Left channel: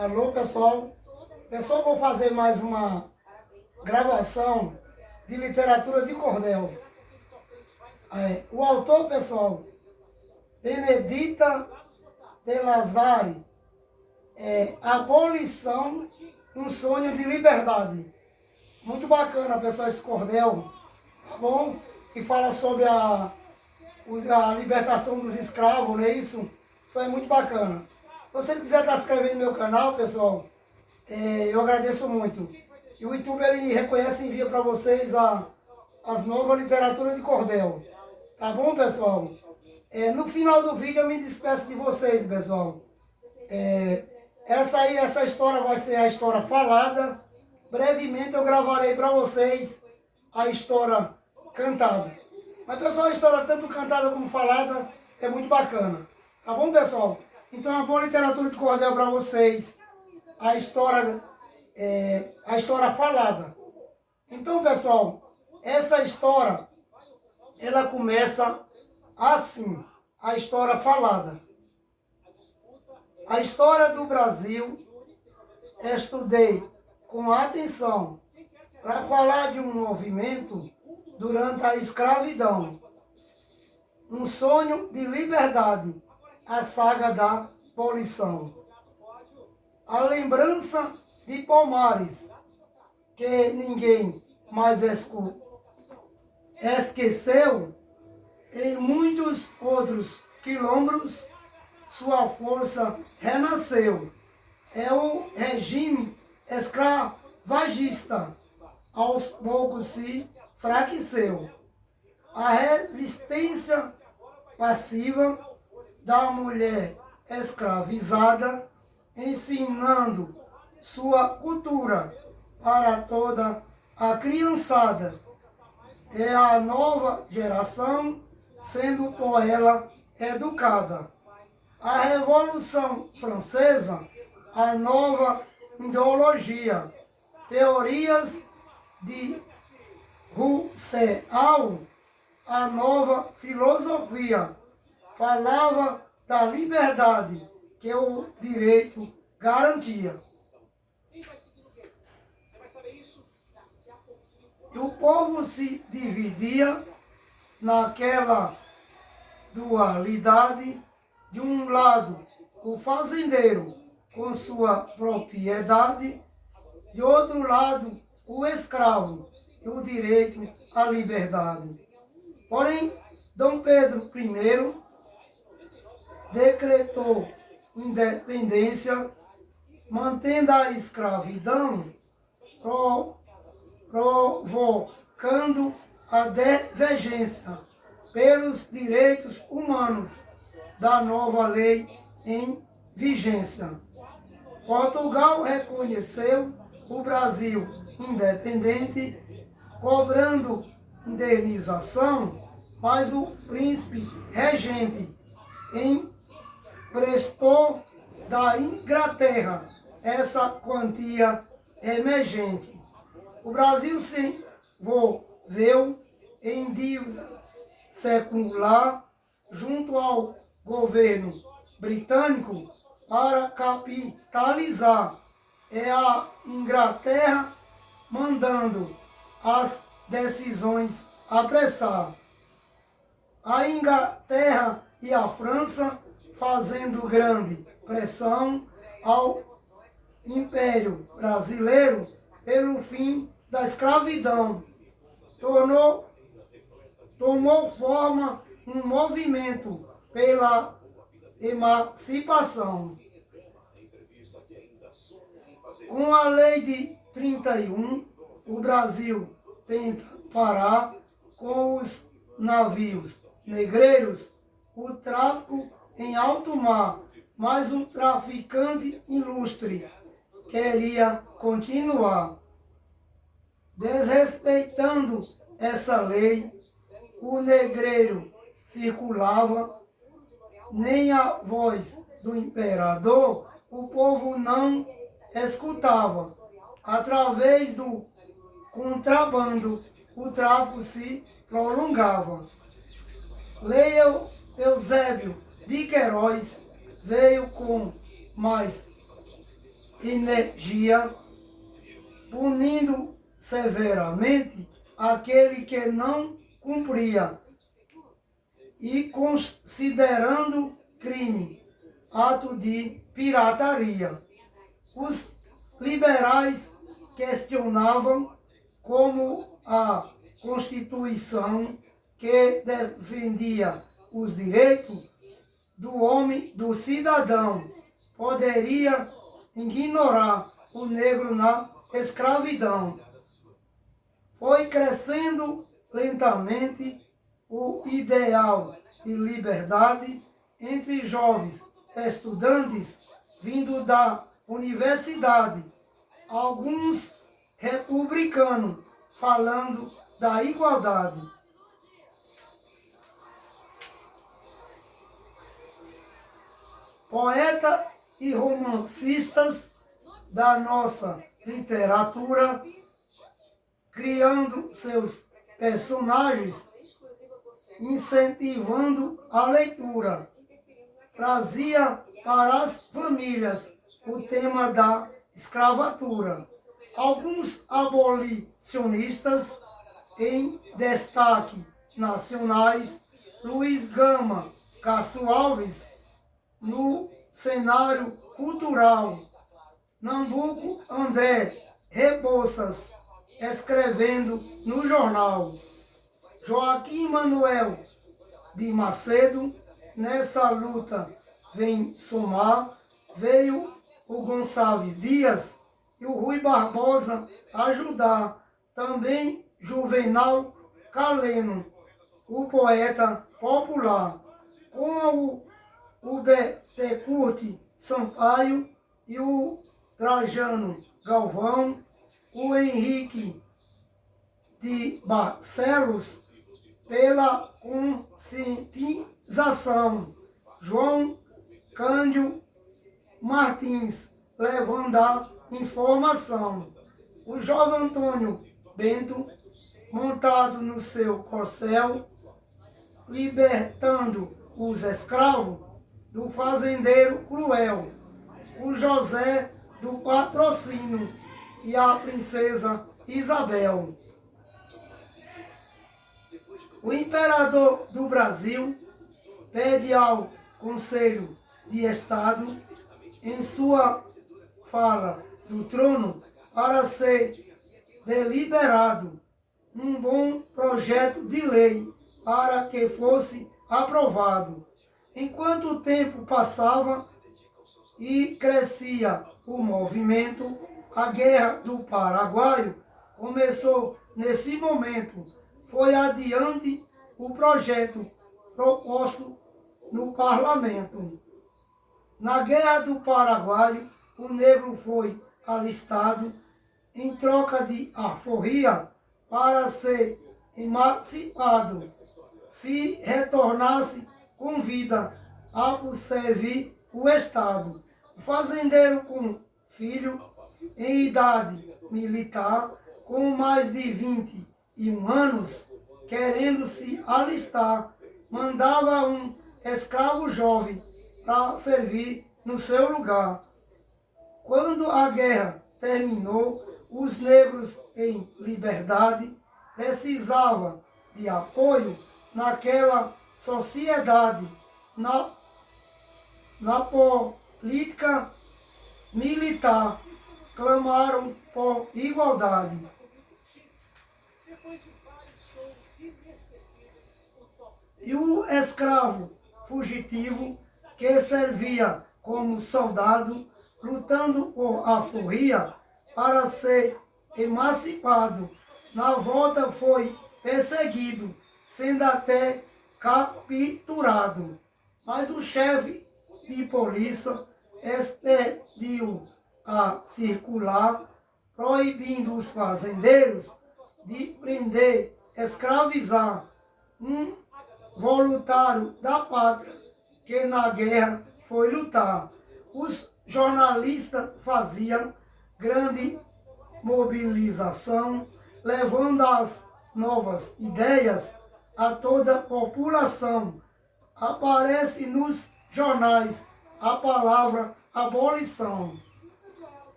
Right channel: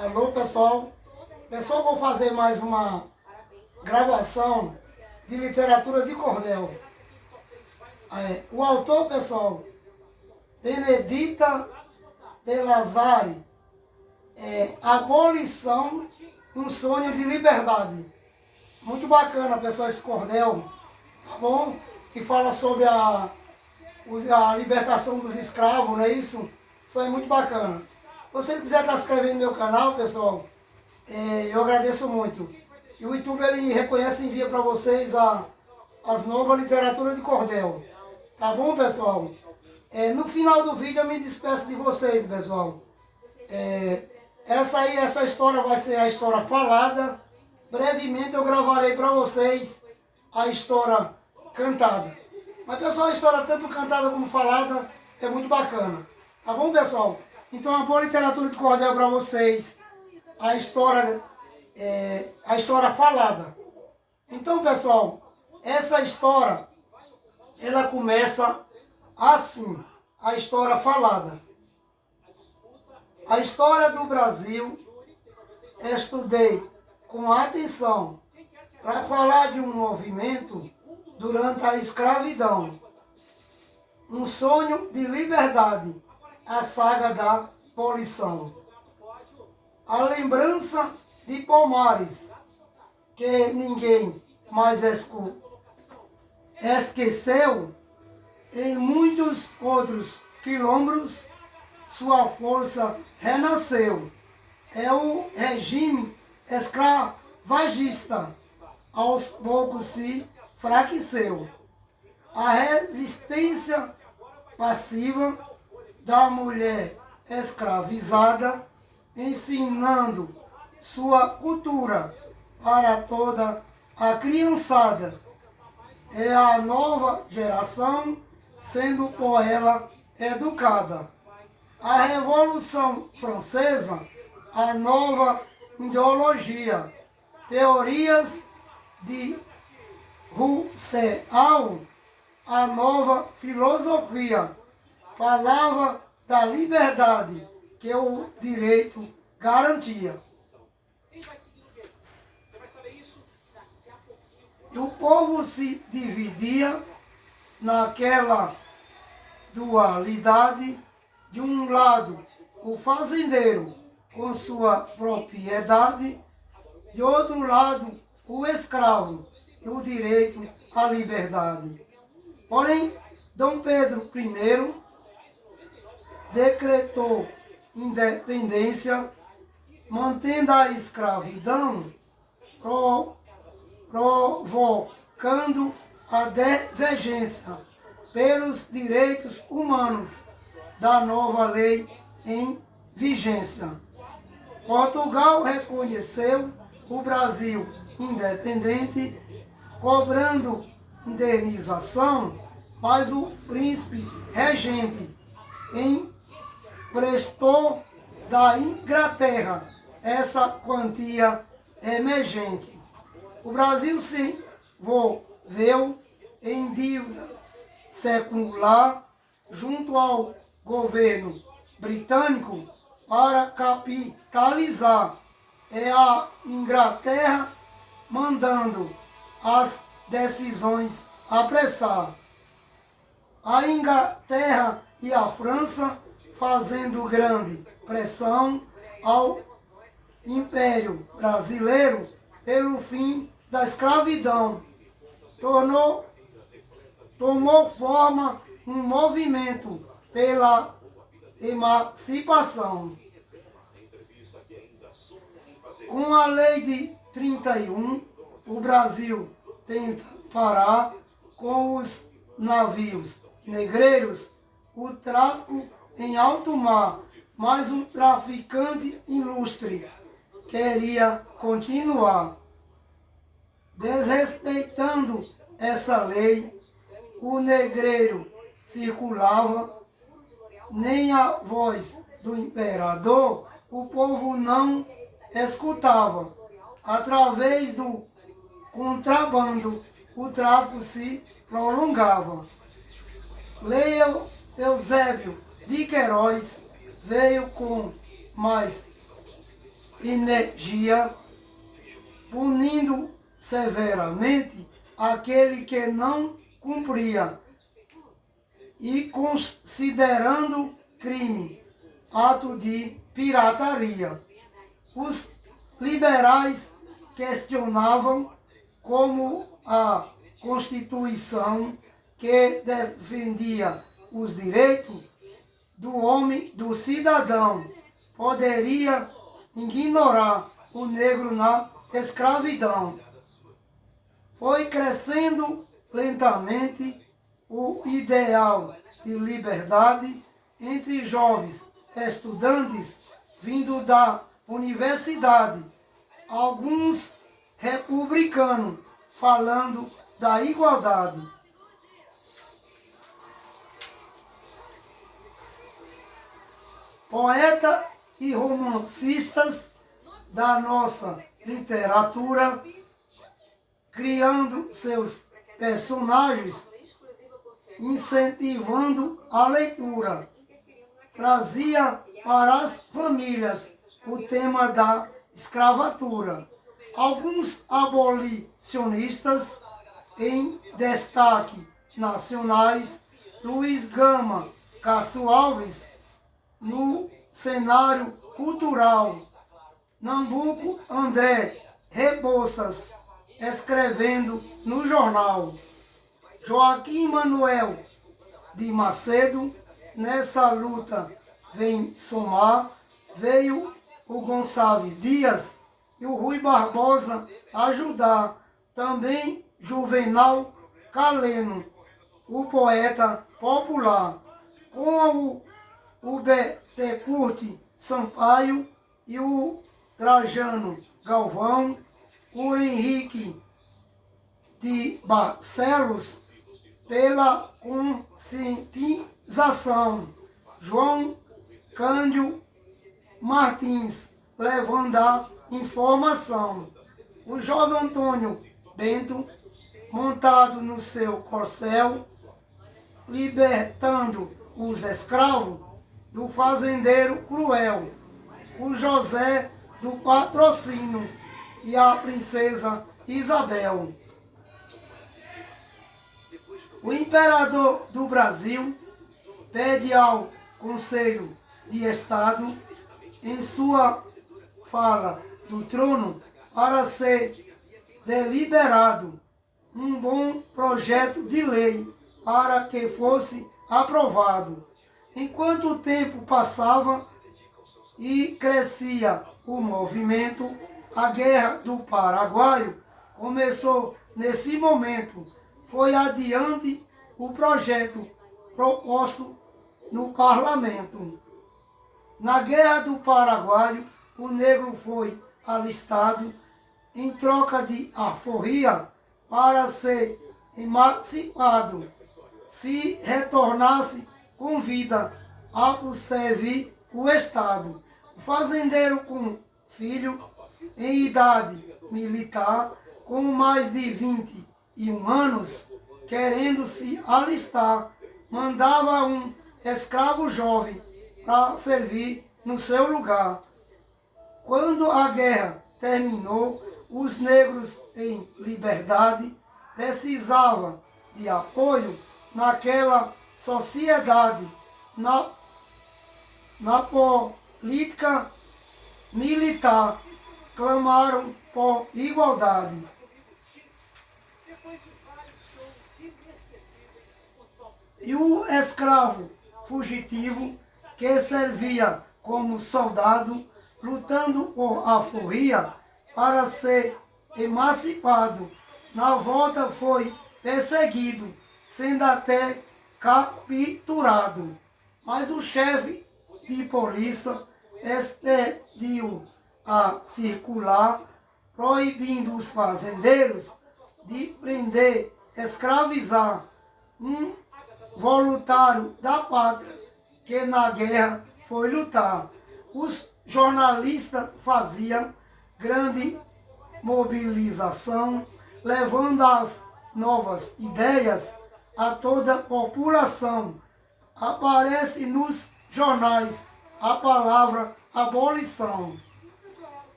Alô, pessoal. Pessoal, vou fazer mais uma gravação de literatura de cordel. O autor, pessoal, Benedita de Lazari, Abolição, um sonho de liberdade. Muito bacana, pessoal, esse cordel, tá bom? Que fala sobre a libertação dos escravos, não é isso? Então é muito bacana. Se você quiser estar se inscrevendo no meu canal, pessoal, eu agradeço muito. E o YouTube, ele reconhece e envia para vocês as novas literaturas de cordel. Tá bom, pessoal? No final do vídeo eu me despeço de vocês, pessoal. Essa história vai ser a história falada. Brevemente eu gravarei para vocês a história cantada. Mas, pessoal, a história tanto cantada como falada é muito bacana. Tá bom, pessoal? Então, uma boa literatura de cordel para vocês. A história falada. Então, pessoal, essa história, ela começa assim, a história falada. A história do Brasil, estudei com atenção para falar de um movimento durante a escravidão. Um sonho de liberdade, a saga da abolição. A lembrança de Palmares, que ninguém mais esqueceu, em muitos outros quilômetros, sua força renasceu. É o regime escravagista, aos poucos se enfraqueceu. A resistência passiva da mulher escravizada, ensinando sua cultura para toda a criançada. É a nova geração sendo por ela educada. A Revolução Francesa, a nova ideologia, teorias de Rousseau, a nova filosofia, falava da liberdade que o direito garantia. E o povo se dividia naquela dualidade. De um lado, o fazendeiro com sua propriedade, de outro lado, o escravo e o direito à liberdade. Porém, Dom Pedro I decretou independência, mantendo a escravidão, provocando a divergência pelos direitos humanos da nova lei em vigência. Portugal reconheceu o Brasil independente, cobrando indenização, mas o príncipe regente emprestou da Inglaterra essa quantia emergente. O Brasil se envolveu em dívida secular junto ao governo britânico para capitalizar. É a Inglaterra mandando as decisões apressar. A Inglaterra e a França fazendo grande pressão ao Império Brasileiro pelo fim da escravidão. Tomou forma um movimento pela emancipação. Com a lei de 31, o Brasil tenta parar com os navios negreiros o tráfico em alto mar, mas o traficante ilustre queria continuar. Desrespeitando essa lei, o negreiro circulava, nem a voz do imperador o povo não escutava. Através do contrabando, o tráfico se prolongava. Lei Eusébio de Queiroz veio com mais energia, punindo severamente aquele que não cumpria e considerando crime ato de pirataria. Os liberais questionavam como a Constituição, que defendia os direitos do homem, do cidadão, poderia ignorar o negro na escravidão. Foi crescendo lentamente o ideal de liberdade entre jovens estudantes vindo da universidade, alguns republicanos falando da igualdade. Poetas e romancistas da nossa literatura, criando seus personagens, incentivando a leitura, trazia para as famílias o tema da escravatura. Alguns abolicionistas em destaque nacionais, Luiz Gama, Castro Alves, no cenário cultural, Nambuco André Rebouças, escrevendo no jornal, Joaquim Manuel de Macedo, nessa luta vem somar, veio o Gonçalves Dias e o Rui Barbosa ajudar, também Juvenal Caleno, o poeta popular, com o Betecurt Sampaio e o Trajano Galvão, o Henrique de Barcelos, pela conscientização, João Cândido Martins, levando a informação, o jovem Antônio Bento, montado no seu corcel, libertando os escravos do fazendeiro cruel, o José do Patrocínio e a princesa Isabel. O imperador do Brasil pede ao Conselho de Estado, em sua fala do trono, para ser deliberado um bom projeto de lei para que fosse aprovado. Enquanto o tempo passava e crescia o movimento, a Guerra do Paraguai começou nesse momento. Foi adiante o projeto proposto no parlamento. Na Guerra do Paraguai, o negro foi alistado em troca de alforria para ser emancipado. Se retornasse com vida a servir o Estado. O fazendeiro com filho em idade militar, com mais de 21 anos, querendo se alistar, mandava um escravo jovem para servir no seu lugar. Quando a guerra terminou, os negros em liberdade precisavam de apoio naquela sociedade, na política militar, clamaram por igualdade. E o escravo fugitivo, que servia como soldado, lutando por alforria para ser emancipado, na volta foi perseguido, sendo até capturado. Mas o chefe de polícia expediu a circular, proibindo os fazendeiros de prender, escravizar um voluntário da pátria que na guerra foi lutar. Os jornalistas faziam grande mobilização, levando as novas ideias a toda a população. Aparece nos jornais a palavra abolição.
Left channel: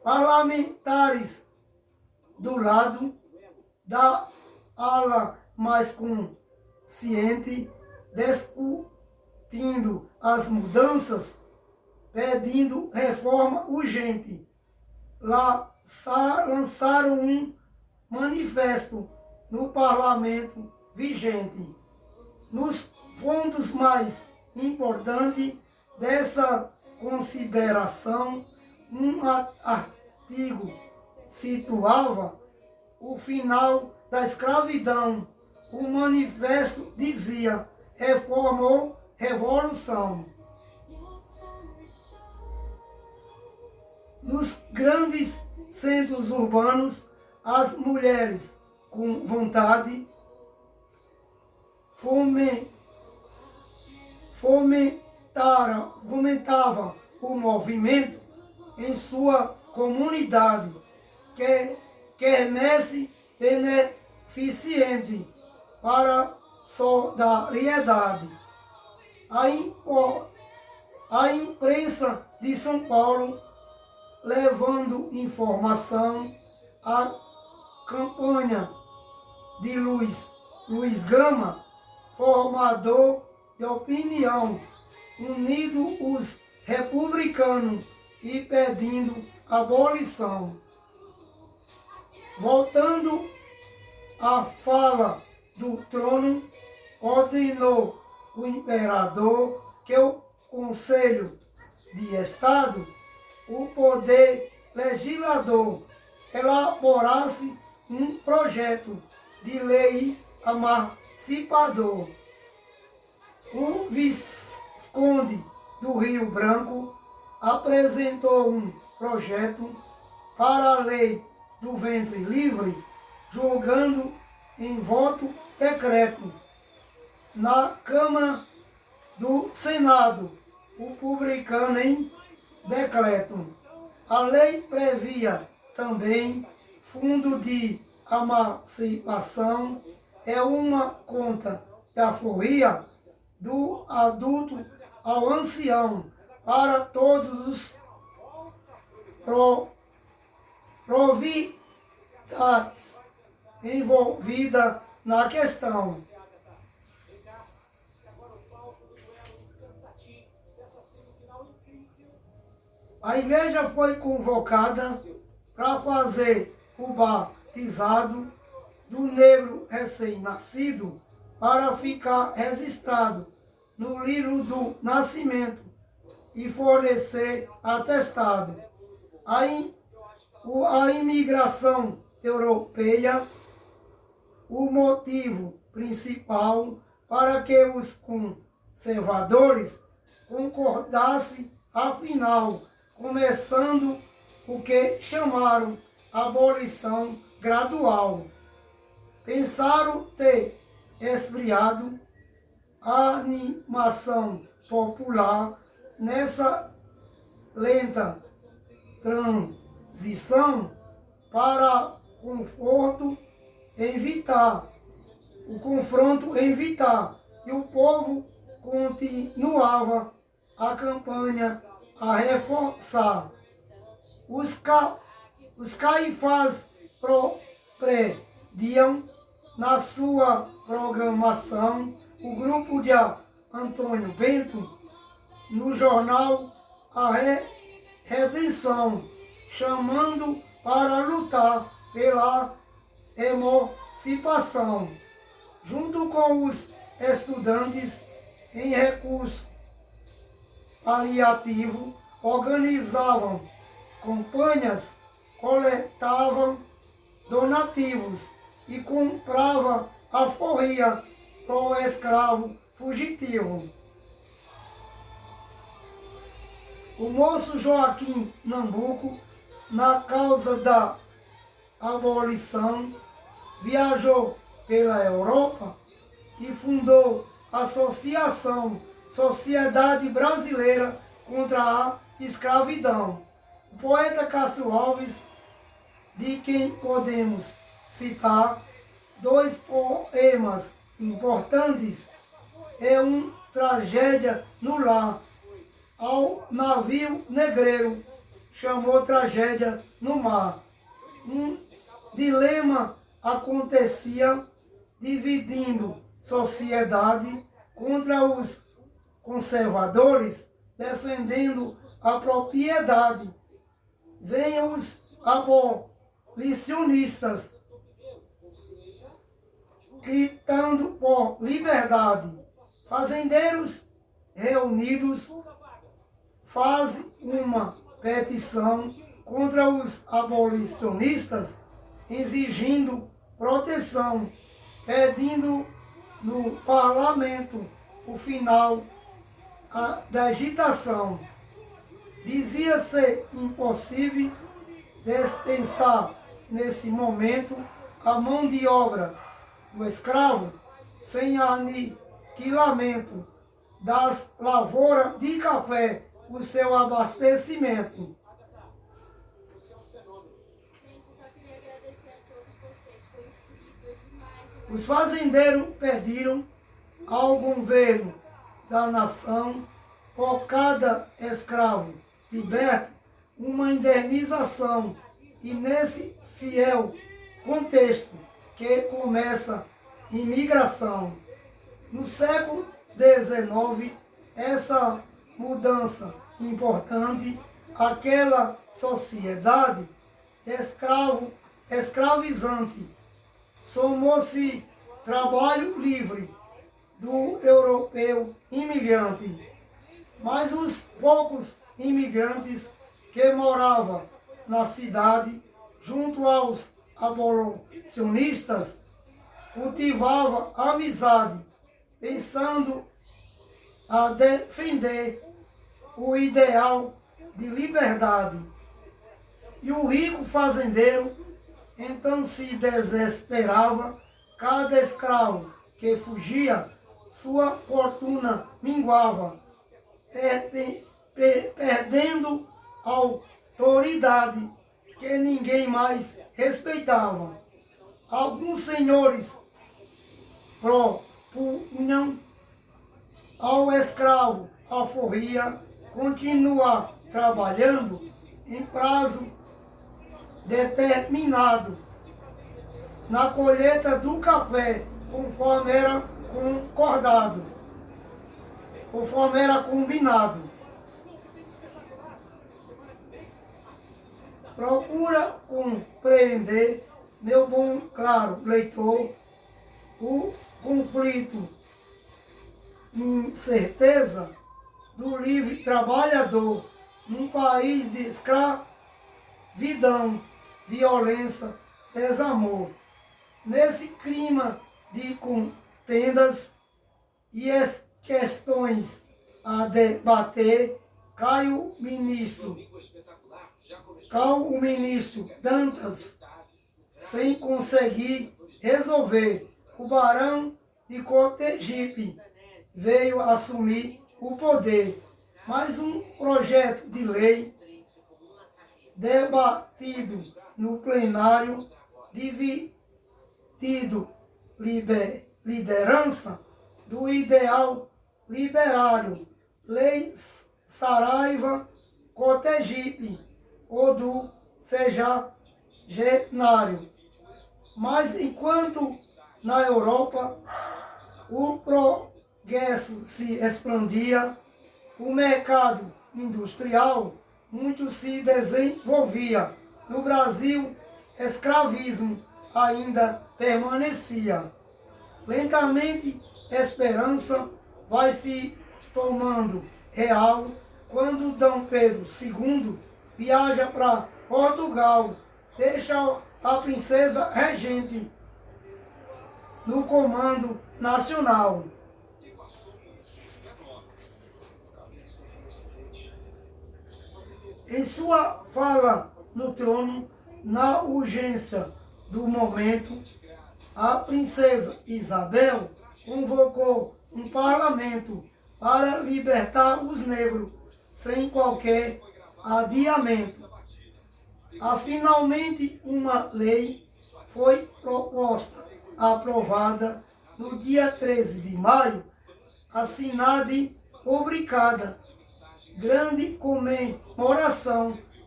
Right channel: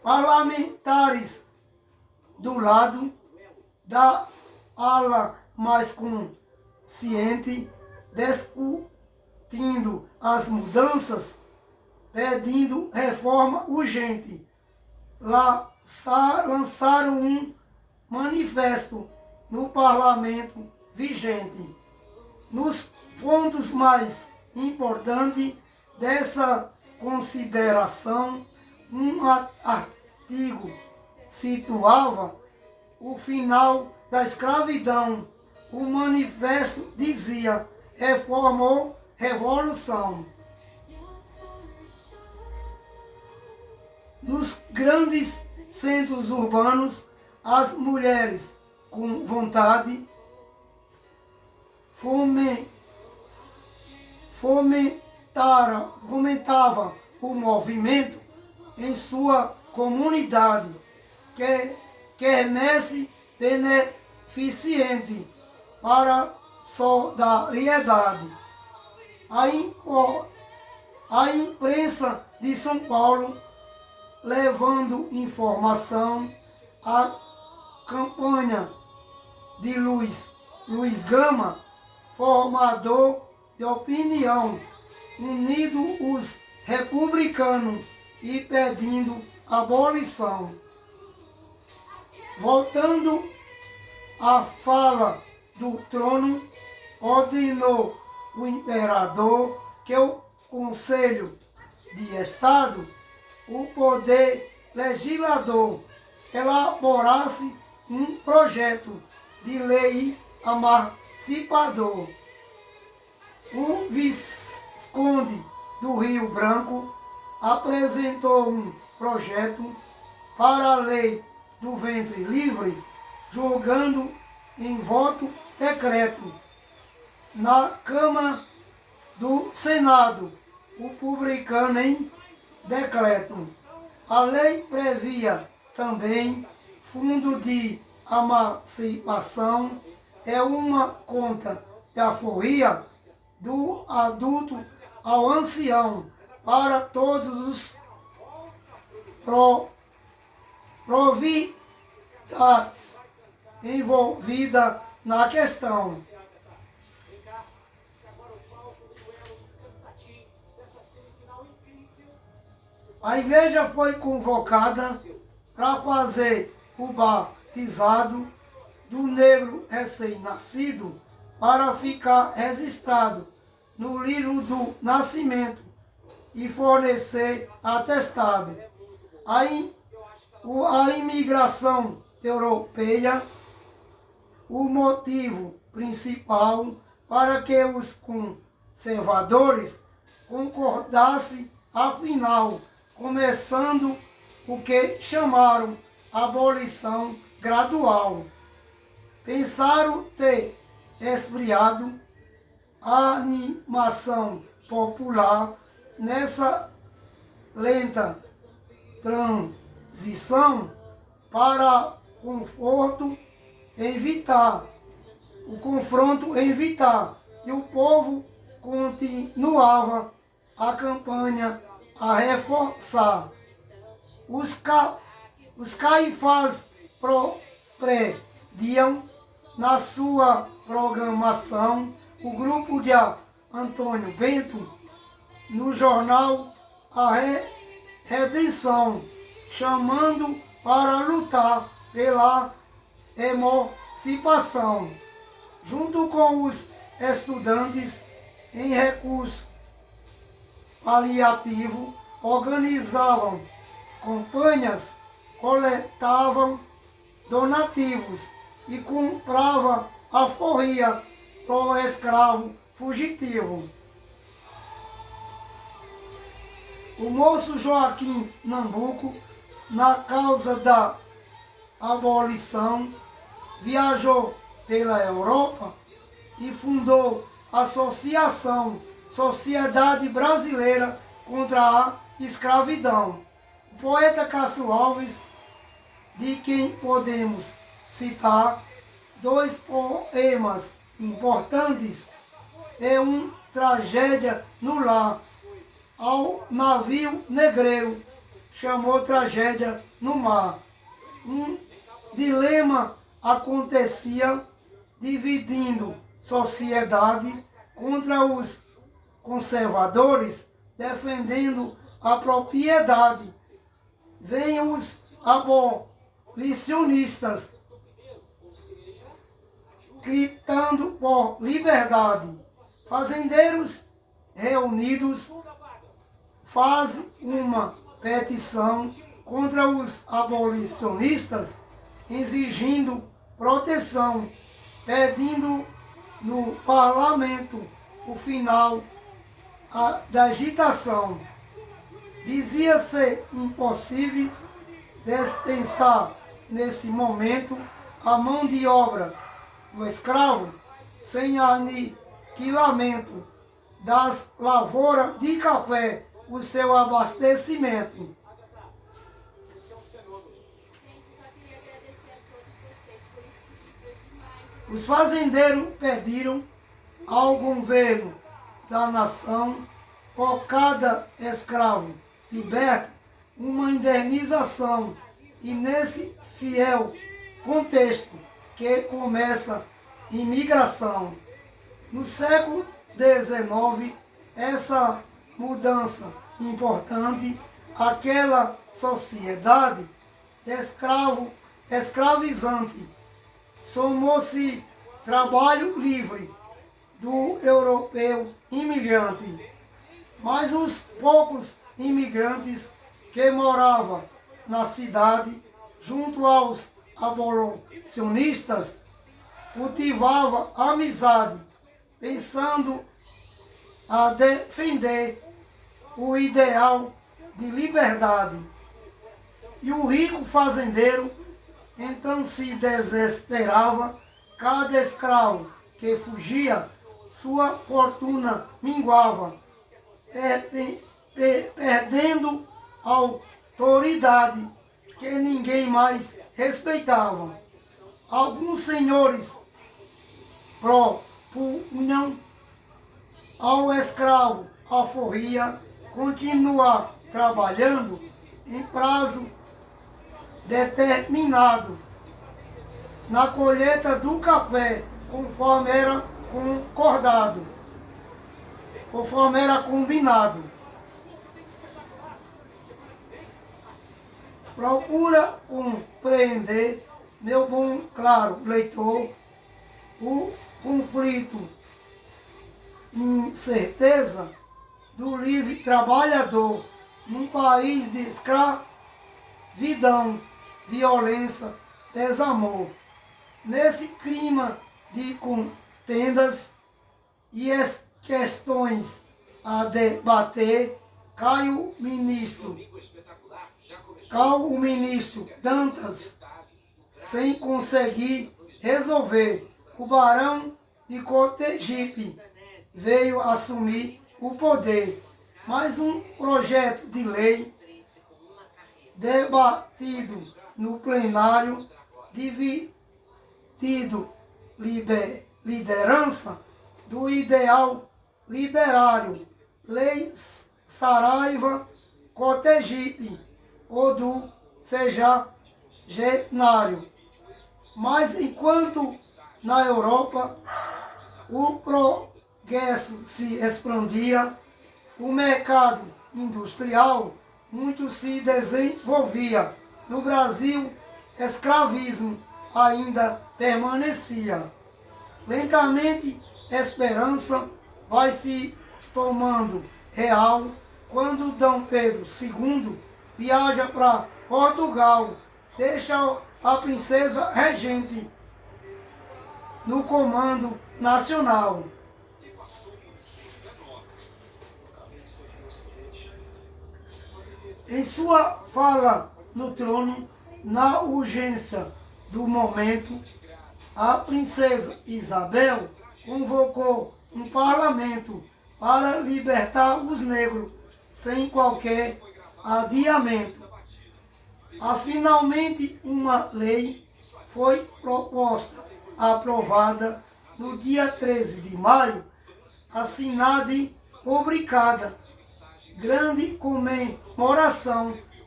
parlamentares do lado da ala mais consciente, discutindo as mudanças, pedindo reforma urgente. Lançaram um manifesto no parlamento vigente. Nos pontos mais importantes dessa consideração, um artigo situava o final da escravidão. O manifesto dizia: reforma ou revolução. Nos grandes centros urbanos, as mulheres com vontade fomentava o movimento em sua comunidade, quermesse beneficente para solidariedade. A imprensa de São Paulo, levando informação, a campanha de Luiz Gama, formador de opinião, unindo os republicanos e pedindo abolição. Voltando à fala do trono, ordenou o imperador que o Conselho de Estado, o poder legislador, elaborasse um projeto de lei emancipador. O Visconde do Rio Branco apresentou um projeto para a lei do ventre livre, julgando em voto decreto. Na Câmara do Senado, o publicano em decreto. A lei previa também fundo de emancipação, é uma conta de alforria do adulto ao ancião para todos os providades envolvidas na questão. A igreja foi convocada para fazer o batizado do negro recém-nascido para ficar registrado no livro do nascimento e fornecer atestado. A imigração europeia, o motivo principal para que os conservadores concordassem, afinal, começando o que chamaram abolição gradual. Pensaram ter esfriado a animação popular nessa lenta transição para o confronto evitar, e o povo continuava a campanha a reforçar. Os caifás prediam na sua programação o grupo de Antônio Bento no jornal A Redenção, chamando para lutar pela emancipação. Junto com os estudantes em recurso paliativo, organizavam campanhas, coletavam donativos e compravam alforria pro escravo fugitivo. O moço Joaquim Nabuco, na causa da abolição, viajou pela Europa e fundou a Associação Sociedade Brasileira contra a Escravidão. O poeta Castro Alves, de quem podemos citar dois poemas importantes, é Tragédia no Lar, ao navio negreiro, chamou tragédia no mar. Um dilema acontecia dividindo sociedade contra os conservadores, defendendo a propriedade. Vêm os abolicionistas, gritando por liberdade. Fazendeiros reunidos fazem uma petição contra os abolicionistas, exigindo proteção, pedindo no parlamento o final da agitação. Dizia ser impossível dispensar nesse momento a mão de obra do escravo sem aniquilamento das lavouras de café, o seu abastecimento. Os fazendeiros pediram ao governo da nação, por cada escravo liberto, uma indenização. E nesse fiel contexto que começa a imigração. No século XIX, essa mudança importante, aquela sociedade escravizante, somou-se trabalho livre do europeu imigrante. Mas os poucos imigrantes que moravam na cidade, junto aos abolicionistas, cultivavam amizade, pensando a defender o ideal de liberdade. E o rico fazendeiro então se desesperava. Cada escravo que fugia, sua fortuna minguava, perdendo a autoridade que ninguém mais respeitava. Alguns senhores propunham ao escravo alforria continuar trabalhando em prazo determinado na colheita do café, conforme era concordado, conforme era combinado. Procura compreender, meu bom, claro leitor, o conflito, incerteza do livre trabalhador num país de escravidão, violência, desamor. Nesse clima de contendas e questões a debater, cai o ministro Dantas, sem conseguir resolver. O barão de Cotegipe veio assumir o poder. Mais um projeto de lei debatido no plenário, dividido liderança do ideal liberário, Lei Saraiva Cotegipe, ou do sexagenário. Mas enquanto na Europa o progresso se expandia, o mercado industrial muito se desenvolvia. No Brasil, escravismo ainda permanecia. Lentamente, a esperança vai se tomando real quando Dom Pedro II viaja para Portugal, deixa a princesa regente no comando nacional. Em sua fala no trono, na urgência do momento, a princesa Isabel convocou um parlamento para libertar os negros sem qualquer adiamento. Finalmente, uma lei foi proposta, aprovada no dia 13 de maio, assinada e publicada. Grande comemoração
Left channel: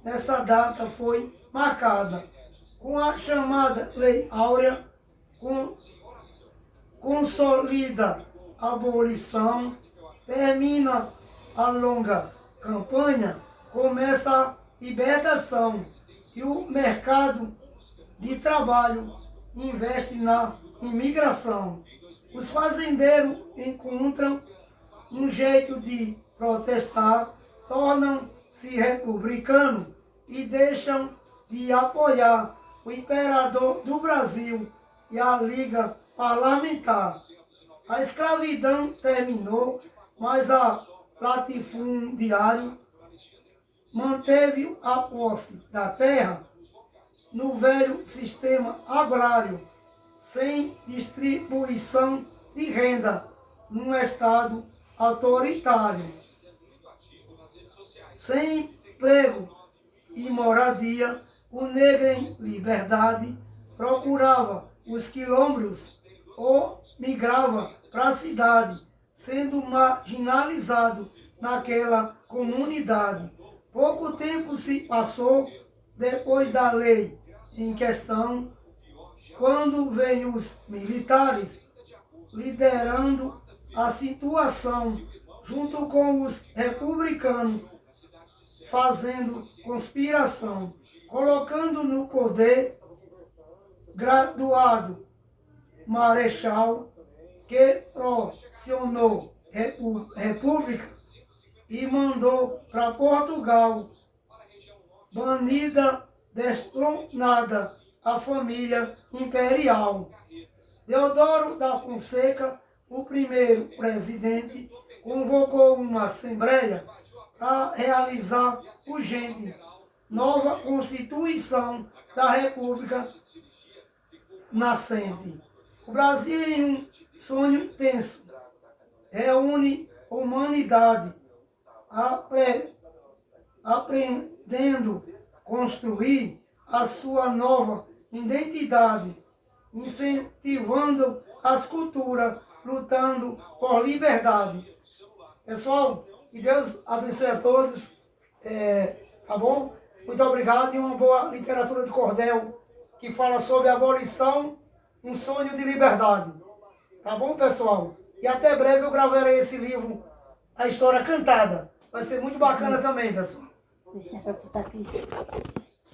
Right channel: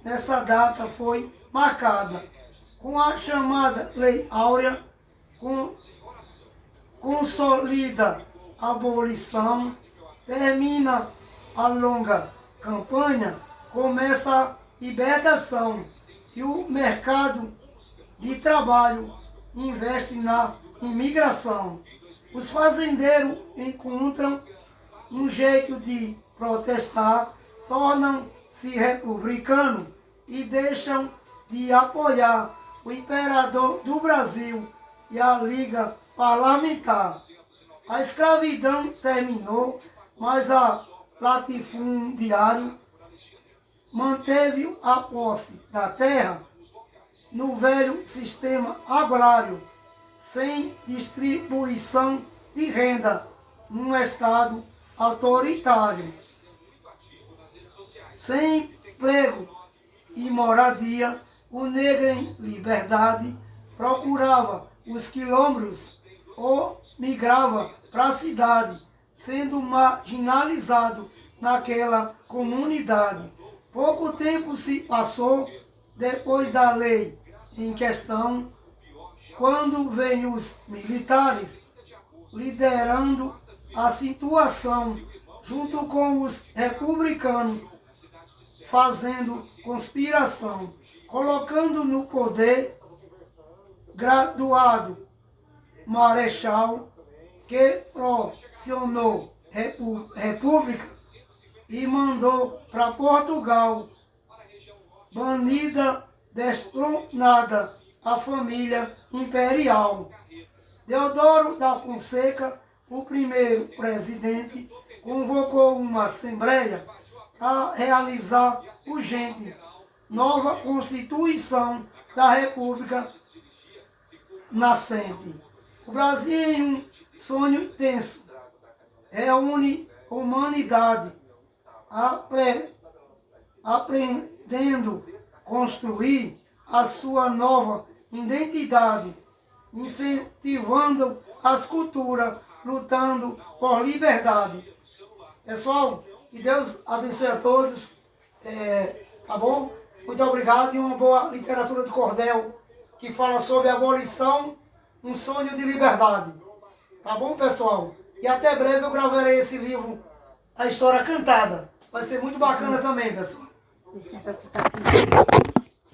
nessa data foi marcada com a chamada Lei Áurea, consolida a abolição, termina a longa campanha, começa a libertação e o mercado de trabalho investe na imigração. Os fazendeiros encontram um jeito de protestar, tornam-se republicanos e deixam de apoiar o imperador do Brasil e a Liga Parlamentar. A escravidão terminou, mas a latifundiário manteve a posse da terra no velho sistema agrário, sem distribuição de renda, num estado autoritário. Sem emprego e moradia, o negro em liberdade procurava os quilombos ou migrava para a cidade, sendo marginalizado naquela comunidade. Pouco tempo se passou depois da lei em questão, quando vêm os militares liderando a situação, junto com os republicanos, fazendo conspiração, colocando no poder graduado marechal que procionou república e mandou para Portugal, banida, destronada a família imperial. Deodoro da Fonseca, o primeiro presidente, convocou uma assembleia a realizar urgente nova Constituição da República nascente. O Brasil, em um sonho intenso, reúne a humanidade, aprendendo a construir a sua nova identidade, incentivando as culturas, lutando por liberdade. Pessoal, que Deus abençoe a todos, tá bom? Muito obrigado e uma boa literatura de cordel que fala sobre a abolição, um sonho de liberdade. Tá bom, pessoal? E até breve eu gravarei esse livro, A História Cantada. Vai ser muito bacana também, pessoal.